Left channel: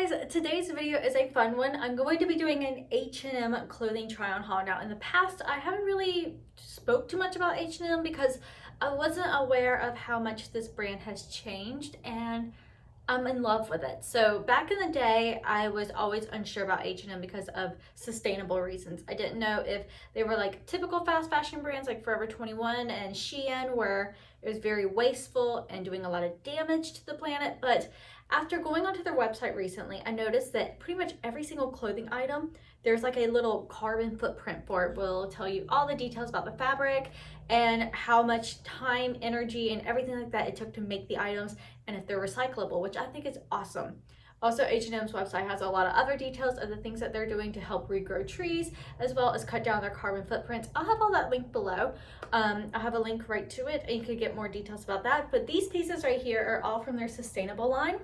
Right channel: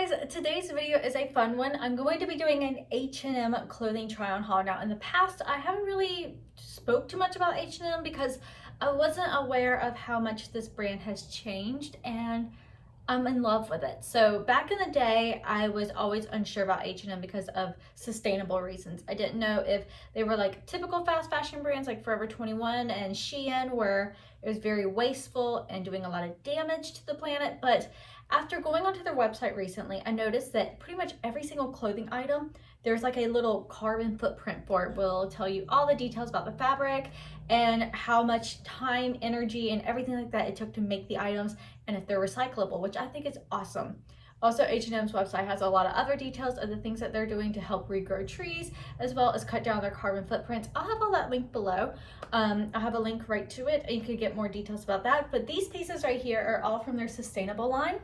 guys, today's video is a fun one. I'm going to be doing an H&M clothing try on haul. Now in the past I haven't really spoke too much about H&M because I wasn't aware of how much this brand has changed, and I'm in love with it. So back in the day, I was always unsure about H&M because of sustainable reasons. I didn't know if they were like typical fast fashion brands like Forever 21 and Shein, where it was very wasteful and doing a lot of damage to the planet. But after going onto their website recently, I noticed that pretty much every single clothing item, there's like a little carbon footprint for it. Will tell you all the details about the fabric and how much time, energy, and everything like that it took to make the items, and if they're recyclable, which I think is awesome. Also, H&M's website has a lot of other details of the things that they're doing to help regrow trees, as well as cut down their carbon footprints. I'll have all that linked below. I'll have a link right to it, and you can get more details about that. But these pieces right here are all from their Sustainable line.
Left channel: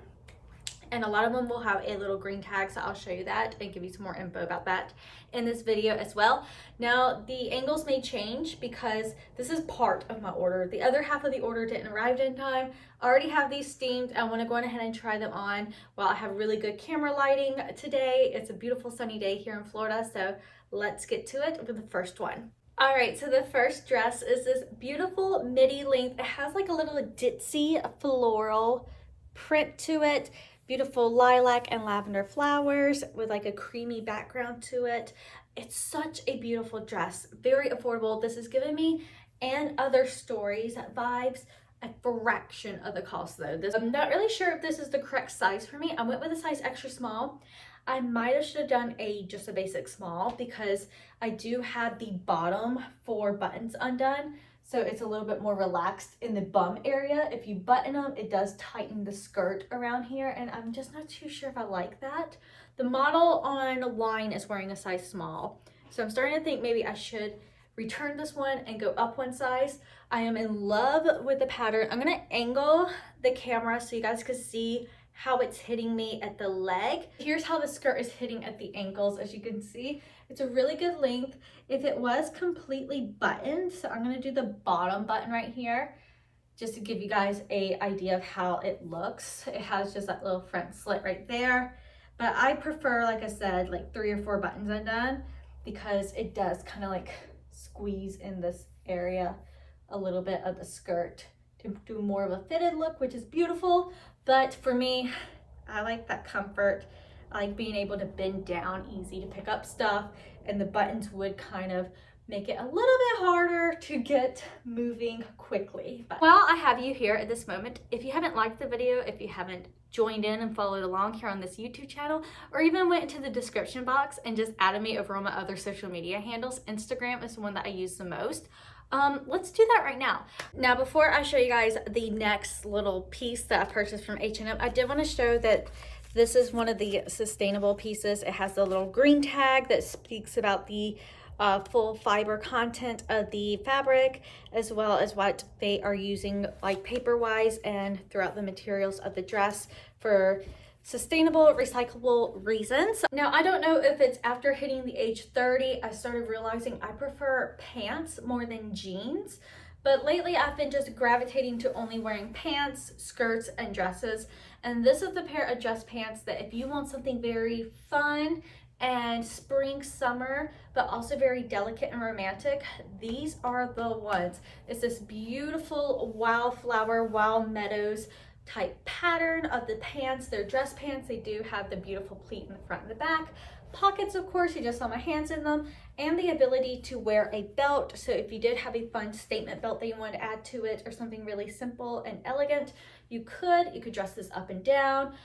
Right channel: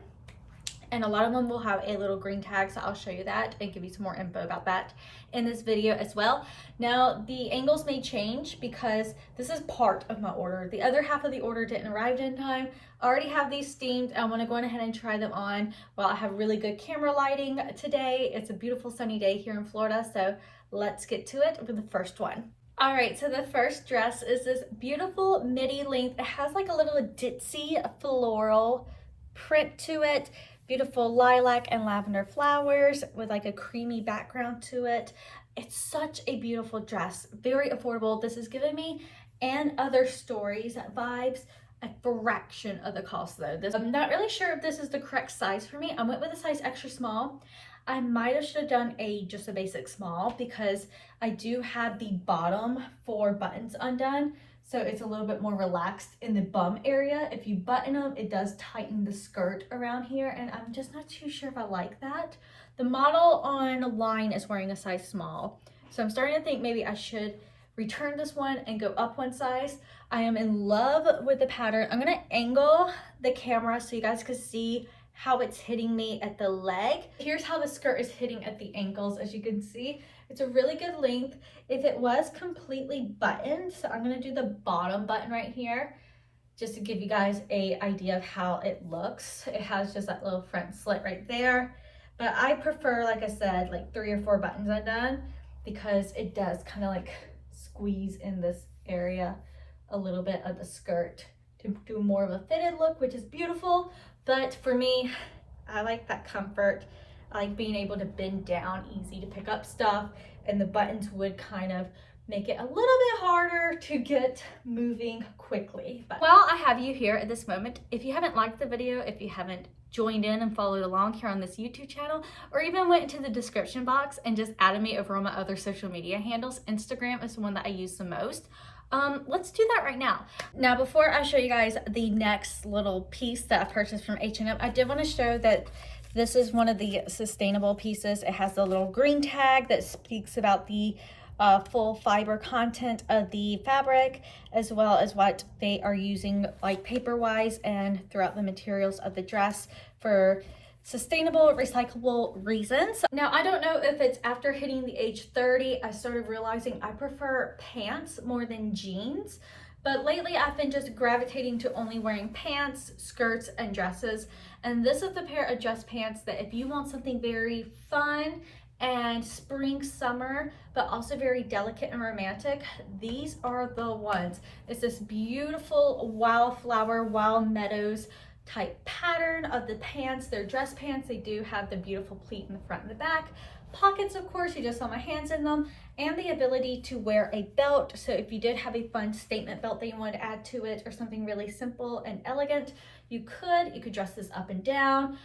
And a lot of them will have a little green tag, so I'll show you that and give you some more info about that in this video as well. Now, the angles may change because this is part of my order. The other half of the order didn't arrive in time. I already have these steamed. I want to go ahead and try them on while I have really good camera lighting today. It's a beautiful sunny day here in Florida, so let's get to it with the first one. All right, so the first dress is this beautiful midi length. It has like a little ditzy floral print to it. Beautiful lilac and lavender flowers with like a creamy background to it. It's such a beautiful dress, very affordable. This is giving me And Other Stories vibes, a fraction of the cost though. I'm not really sure if this is the correct size for me. I went with a size extra small. I might have should have done just a basic small because I do have the bottom 4 buttons undone. So it's a little bit more relaxed in the bum area. If you button them, it does tighten the skirt around here, and I'm just not too sure if I like that. The model online is wearing a size small. So I'm starting to think maybe I should return this one and go up one size. I am in love with the pattern. I'm gonna angle the camera so you guys can see how it's hitting me at the leg. Here's how the skirt is hitting at the ankles. As you can see, it's a really good length. If it was completely buttoned, so I'm gonna do the bottom button right here just to give you guys an idea of how it looks. It has just that little front slit right there, but I prefer, like I said, like 3 or 4 buttons undone because it does kind of like squeeze in this area a little bit of the skirt to do more of a fitted look, which is beautiful. But for me, I like that comfort. I like being able to bend down easy to pick up stuff, and the buttons would kind of make it a little bit harder to get moving quickly. But while I have you here at this moment, if you haven't liked the video, if you haven't joined in and followed along here on this YouTube channel, or even went into the description box and just added me over on my other social media handles, Instagram is the one that I use the most. Let's do that right now. Now, before I show you guys the next little piece that I purchased from H&M, I did want to show that this is one of the sustainable pieces. It has the little green tag that speaks about the full fiber content of the fabric, as well as what they are using like paper wise and throughout the materials of the dress for sustainable, recyclable reasons. Now, I don't know if it's after hitting the age 30, I started realizing I prefer pants more than jeans. But lately I've been just gravitating to only wearing pants, skirts, and dresses. And this is the pair of dress pants that if you want something very fun and spring, summer, but also very delicate and romantic, these are the ones. It's this beautiful wildflower, wild meadows type pattern of the pants. They're dress pants. They do have the beautiful pleat in the front and the back. Pockets, of course, you just saw my hands in them, and the ability to wear a belt. So if you did have a fun statement belt that you wanted to add to it, or something really simple and elegant, you could dress this up and down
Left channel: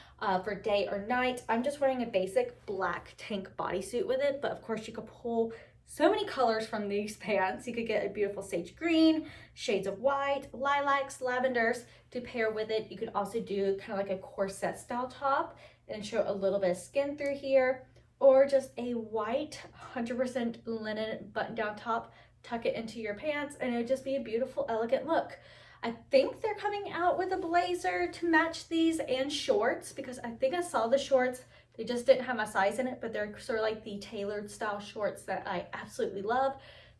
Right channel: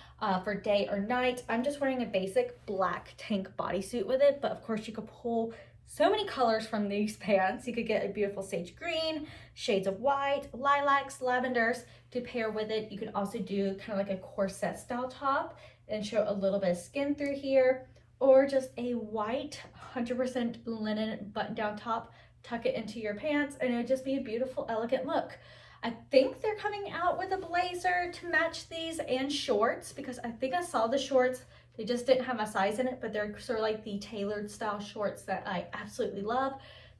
for day or night. I'm just wearing a basic black tank bodysuit with it, but of course you could pull so many colors from these pants. You could get a beautiful sage green, shades of white, lilacs, lavenders to pair with it. You can also do kind of like a corset style top and show a little bit of skin through here, or just a white 100% linen button down top, tuck it into your pants, and it would just be a beautiful, elegant look. I think they're coming out with a blazer to match these and shorts, because I think I saw the shorts. They just didn't have my size in it, but they're sort of like the tailored style shorts that I absolutely love.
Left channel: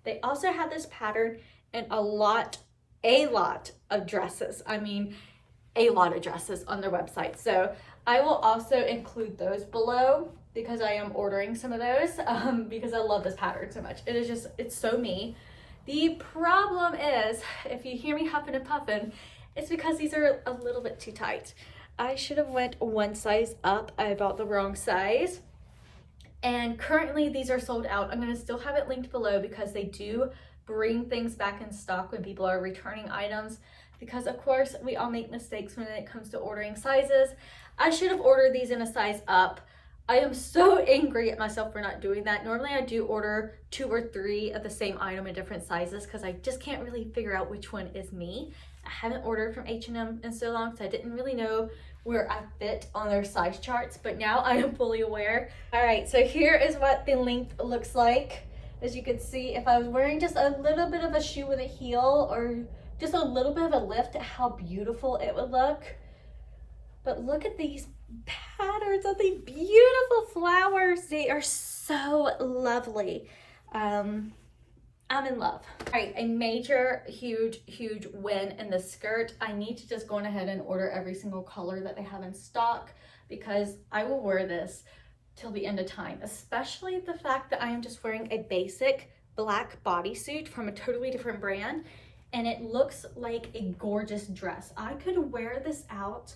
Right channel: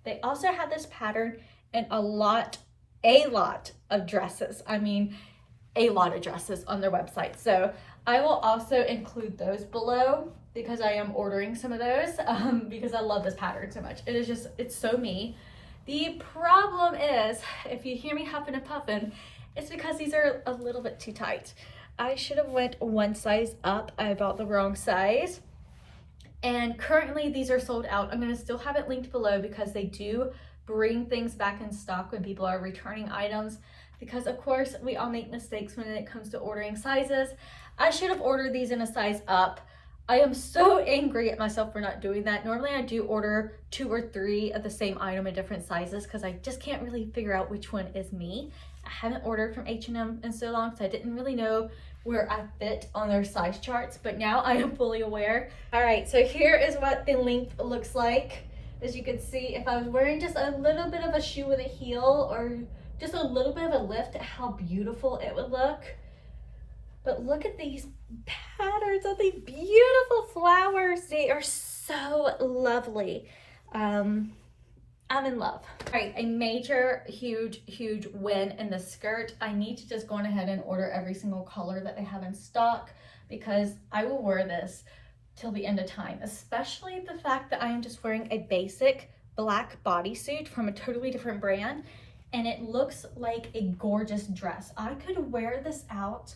They also have this pattern in a lot of dresses. I mean, a lot of dresses on their website. So I will also include those below because I am ordering some of those because I love this pattern so much. It is just, it's so me. The problem is, if you hear me huffing and puffing, it's because these are a little bit too tight. I should have went one size up. I bought the wrong size. And currently these are sold out. I'm gonna still have it linked below because they do bring things back in stock when people are returning items, because of course we all make mistakes when it comes to ordering sizes. I should have ordered these in a size up. I am so angry at myself for not doing that. Normally I do order 2 or 3 of the same item in different sizes because I just can't really figure out which one is me. I haven't ordered from H&M in so long, so I didn't really know where I fit on their size charts, but now I am fully aware. All right, so here is what the length looks like. As you can see, if I was wearing just a little bit of a shoe with a heel or just a little bit of a lift, how beautiful it would look. But look at these patterns of the beautiful flowers. They are so lovely. I'm in love. All right, a major, huge win in the skirt. I need to just go on ahead and order every single color that they have in stock because I will wear this till the end of time, especially the fact that I am just wearing a basic black bodysuit from a totally different brand, and it looks like a gorgeous dress. I could wear this out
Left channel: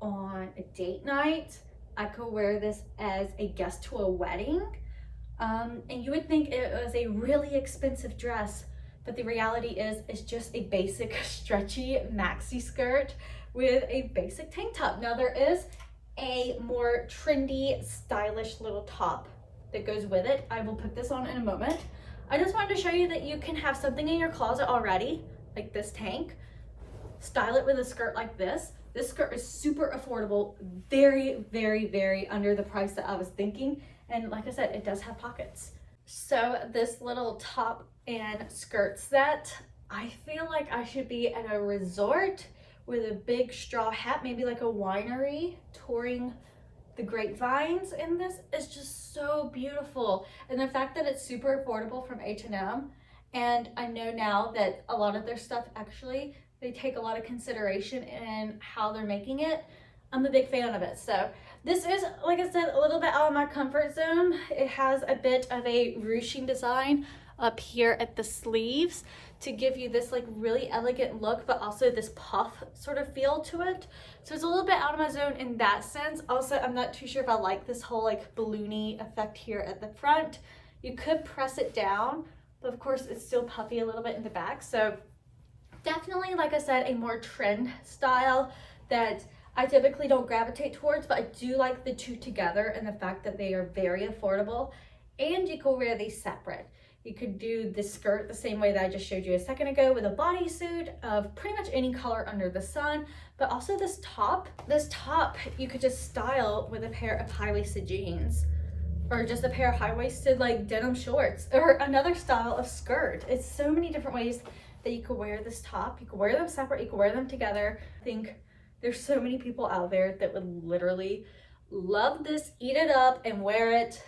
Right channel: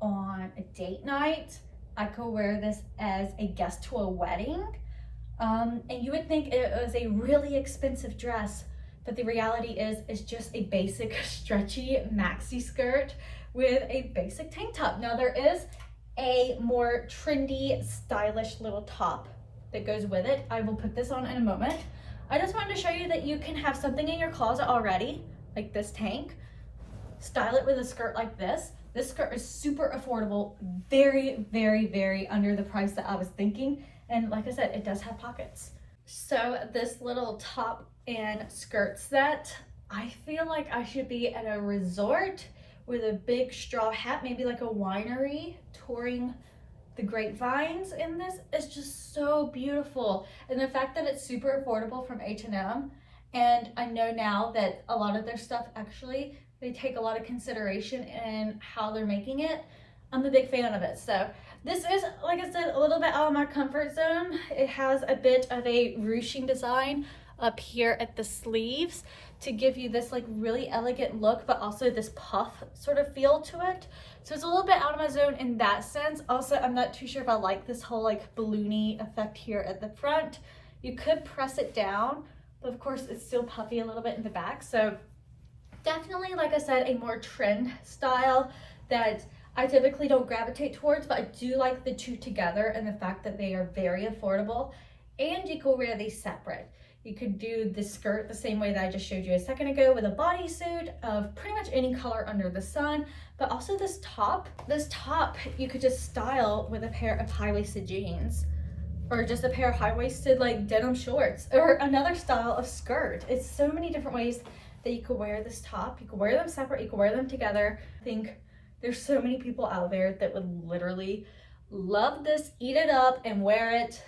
on a date night. I could wear this as a guest to a wedding. And you would think it was a really expensive dress, but the reality is it's just a basic stretchy maxi skirt with a basic tank top. Now there is a more trendy, stylish little top that goes with it. I will put this on in a moment. I just wanted to show you that you can have something in your closet already, like this tank, style it with a skirt like this. This skirt is super affordable, very under the price that I was thinking. And like I said, it does have pockets. So this little top and skirt set, I feel like I should be at a resort with a big straw hat, maybe like a winery touring the grapevines. And this is just so beautiful. And the fact that it's super affordable from H&M, and I know now that a lot of their stuff actually, they take a lot of consideration in how they're making it. I'm a big fan of it. So this is, like I said, a little bit out of my comfort zone. It has a bit of a ruching design up here at the sleeves to give you this like really elegant look, but also this puff sort of feel to it. So it's a little bit out of my zone in that sense. Also, I'm not too sure if I like this whole like balloony effect here at the front. You could press it down, but of course it's still puffy a little bit in the back. So definitely, like I said, a more trend style that I typically don't gravitate towards, but I do like the two together and the fact that they are very affordable. And you can wear these separate. You could do the skirt the same way that I just showed you a second ago with a bodysuit of pretty much any color under the sun, but also this top you could just style with a pair of high-waisted jeans or just a pair of high-waisted like denim shorts or another style of skirt. It's so many different ways that you could wear this top. You could wear them separate, you could wear them together. I think there's so many people out there that would literally love this, eat it up, and wear it.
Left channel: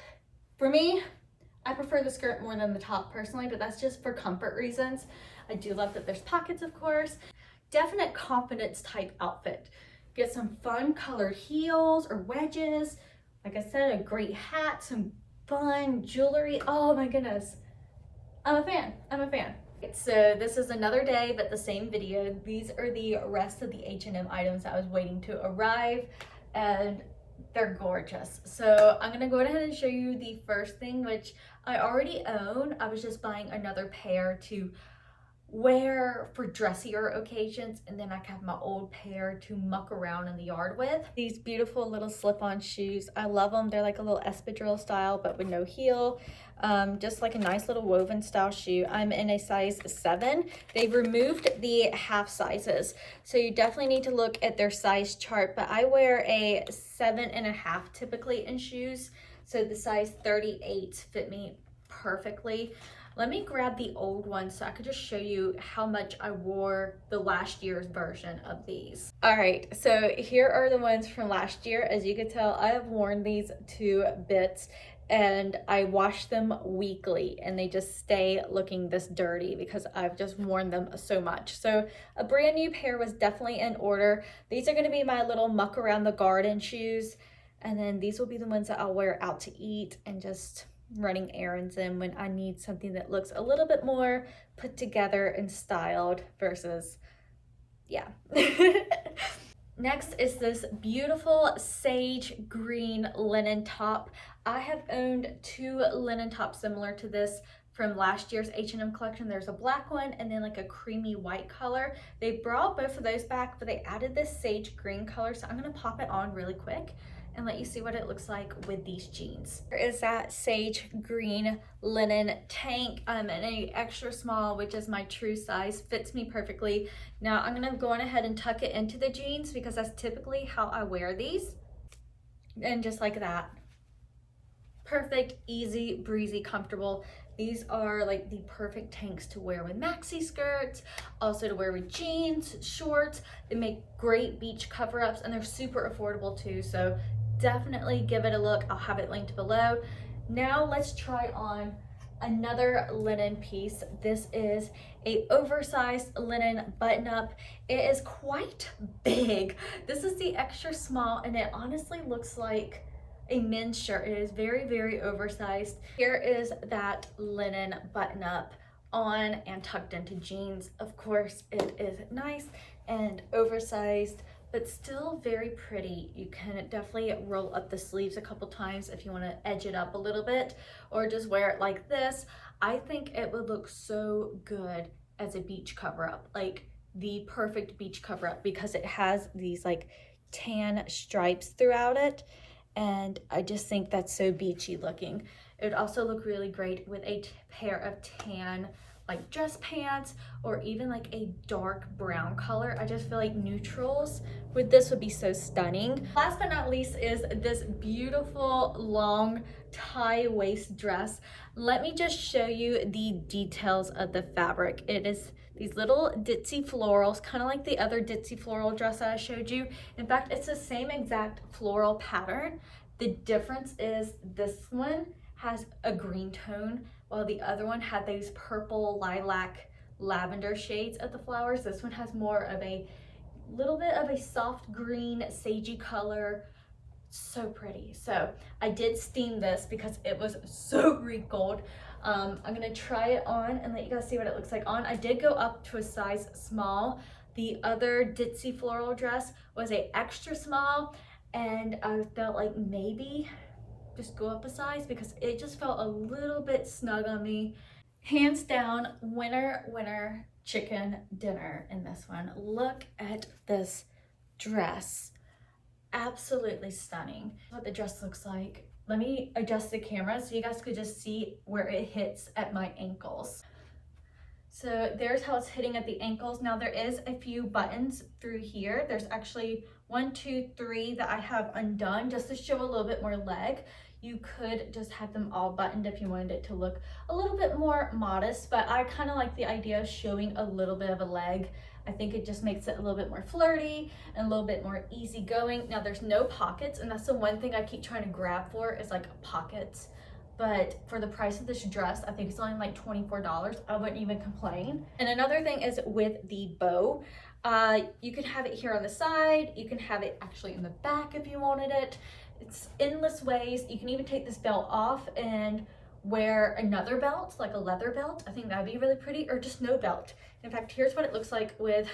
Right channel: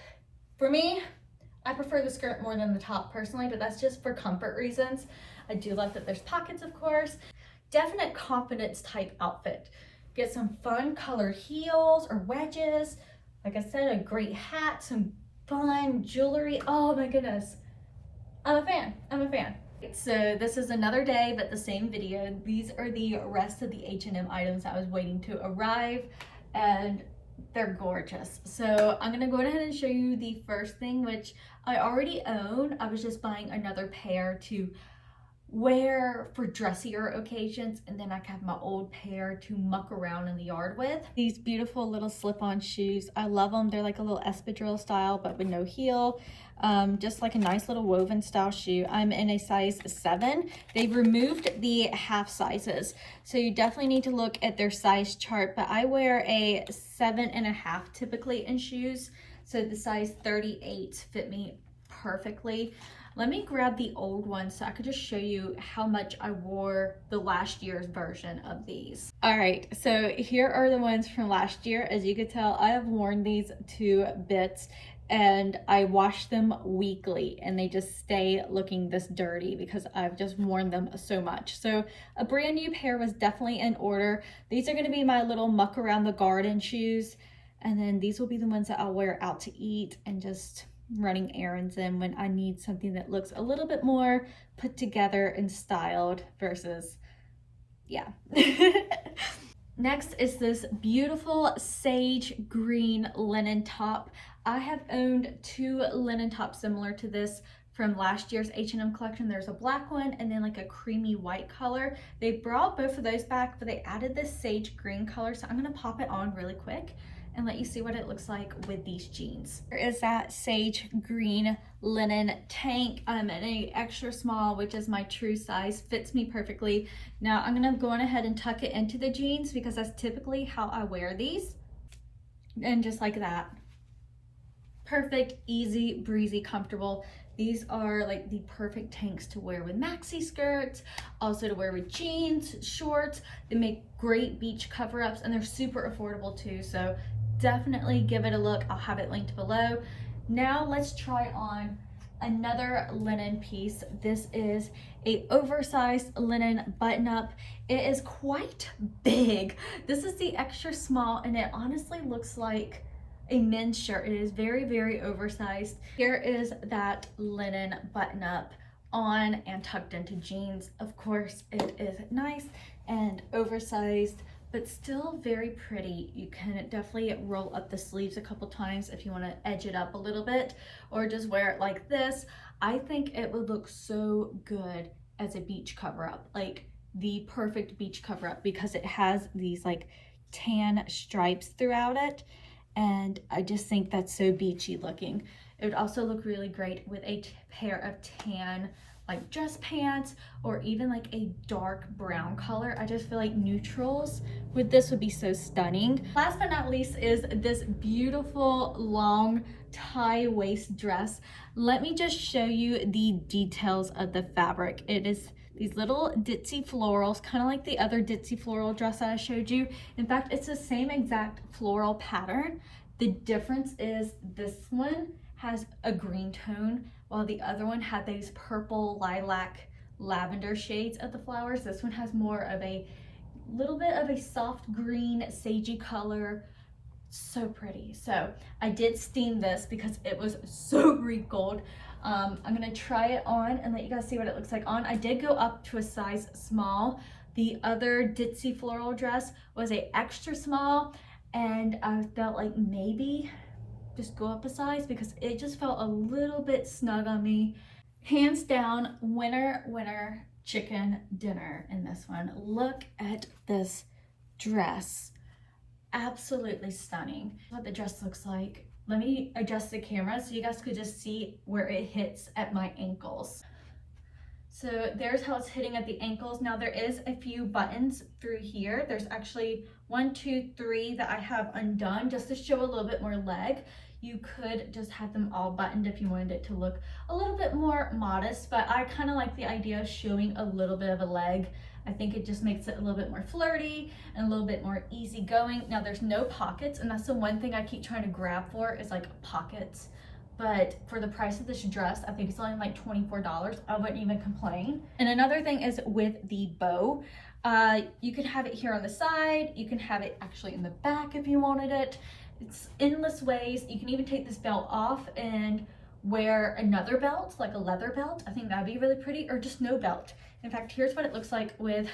For me, I prefer the skirt more than the top personally, but that's just for comfort reasons. I do love that there's pockets, of course. Definite confidence type outfit. Get some fun colored heels or wedges. Like I said, a great hat, some fun jewelry. Oh my goodness. I'm a fan. So this is another day, but the same video. These are the rest of the H&M items I was waiting to arrive, and they're gorgeous. So I'm gonna go ahead and show you the first thing, which I already own. I was just buying another pair to wear for dressier occasions, and then I have my old pair to muck around in the yard with. These beautiful little slip-on shoes, I love them. They're like a little espadrille style but with no heel, just like a nice little woven style shoe. I'm in a size 7. They removed the half sizes, so you definitely need to look at their size chart, but I wear a 7.5 typically in shoes, so the size 38 fit me perfectly. Let me grab the old one so I could just show you how much I wore the last year's version of these. All right, so here are the ones from last year. As you could tell, I have worn these to bits. and I wash them weekly and they just stay looking this dirty because I've just worn them so much. So a brand new pair was definitely in order. These are going to be my little muck around the garden shoes, and then these will be the ones that I'll wear out to eat and just running errands in when I need something that looks a little bit more put together and styled versus, yeah. Next is this beautiful sage green linen top. I have owned two linen tops similar to this from last year's H&M collection. There's a black one and then like a creamy white color. They brought both of those back, but they added this sage green color. So I'm gonna pop it on really quick and let you see what it looks like with these jeans. There is that sage green linen tank. I'm in a extra small, which is my true size, fits me perfectly. Now I'm gonna go on ahead and tuck it into the jeans because that's typically how I wear these. And just like that. Perfect, easy, breezy, comfortable. These are like the perfect tanks to wear with maxi skirts, also to wear with jeans, shorts. They make great beach cover-ups and they're super affordable too. So definitely give it a look. I'll have it linked below. Now let's try on another linen piece. This is a oversized linen button-up. It is quite big. This is the extra small and it honestly looks like a men's shirt. It is very, very oversized. Here is that linen button-up on and tucked into jeans. Of course, it is nice and oversized, but still very pretty. You can definitely roll up the sleeves a couple times if you want to edge it up a little bit, or just wear it like this. I think it would look so good as a beach cover-up, like the perfect beach cover-up, because it has these like tan stripes throughout it. And I just think that's so beachy looking. It would also look really great with a pair of tan like dress pants, or even like a dark brown color. I just feel like neutrals with this would be so stunning. Last but not least is this beautiful long tie waist dress. Let me just show you the details of the fabric. It is these little ditzy florals, kind of like the other ditzy floral dress that I showed you. In fact, it's the same exact floral pattern. The difference is this one has a green tone, while the other one had those purple, lilac, lavender shades of the flowers. This one has more of a little bit of a soft green, sagey color. So pretty. So I did steam this because it was so wrinkled. I'm gonna try it on and let you guys see what it looks like on. I did go up to a size small. The other ditzy floral dress was a extra small, and I felt like maybe just go up a size because it just felt a little bit snug on me. Hands down, winner chicken dinner in this one. Look at this dress. Absolutely stunning. What the dress looks like. Let me adjust the camera so you guys could just see where it hits at my ankles. So there's how it's hitting at the ankles. Now there is a few buttons through here. There's actually 1, 2, 3 that I have undone just to show a little bit more leg. You could just have them all buttoned if you wanted it to look a little bit more modest, but I kind of like the idea of showing a little bit of a leg. I think it just makes it a little bit more flirty and a little bit more easygoing. Now there's no pockets, and that's the one thing I keep trying to grab for is like pockets. But for the price of this dress, I think it's only like $24. I wouldn't even complain. And another thing is with the bow. You can have it here on the side. You can have it actually in the back if you wanted it. It's endless ways. You can even take this belt off and wear another belt, like a leather belt. I think that'd be really pretty, or just no belt. In fact, here's what it looks like with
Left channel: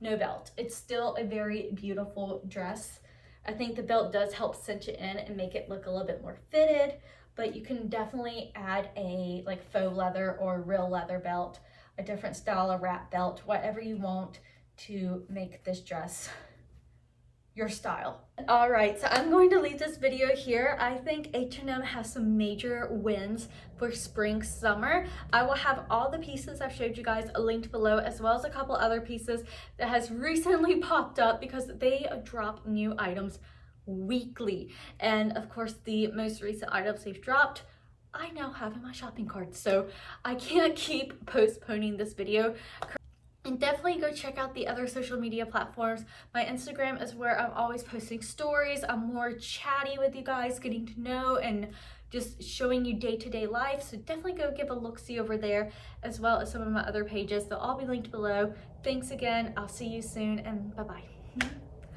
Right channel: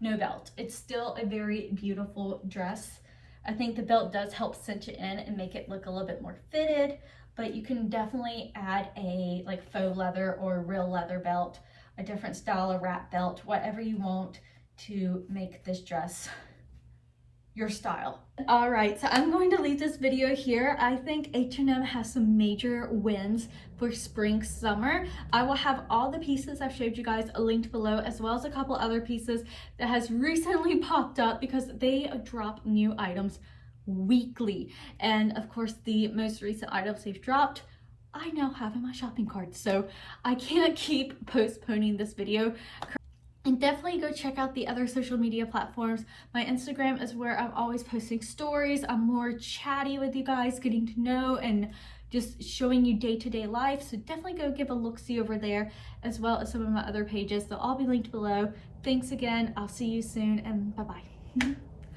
no belt. It's still a very beautiful dress. I think the belt does help cinch it in and make it look a little bit more fitted, but you can definitely add a like faux leather or real leather belt, a different style of wrap belt, whatever you want to make this dress your style. All right, so I'm going to leave this video here. I think H&M has some major wins for spring summer. I will have all the pieces I've showed you guys linked below, as well as a couple other pieces that has recently popped up because they drop new items weekly. And of course, the most recent items they've dropped, I now have in my shopping cart. So I can't keep postponing this video. And definitely go check out the other social media platforms. My Instagram is where I'm always posting stories. I'm more chatty with you guys, getting to know and just showing you day-to-day life. So definitely go give a look-see over there, as well as some of my other pages. They'll all be linked below. Thanks again. I'll see you soon, and bye-bye.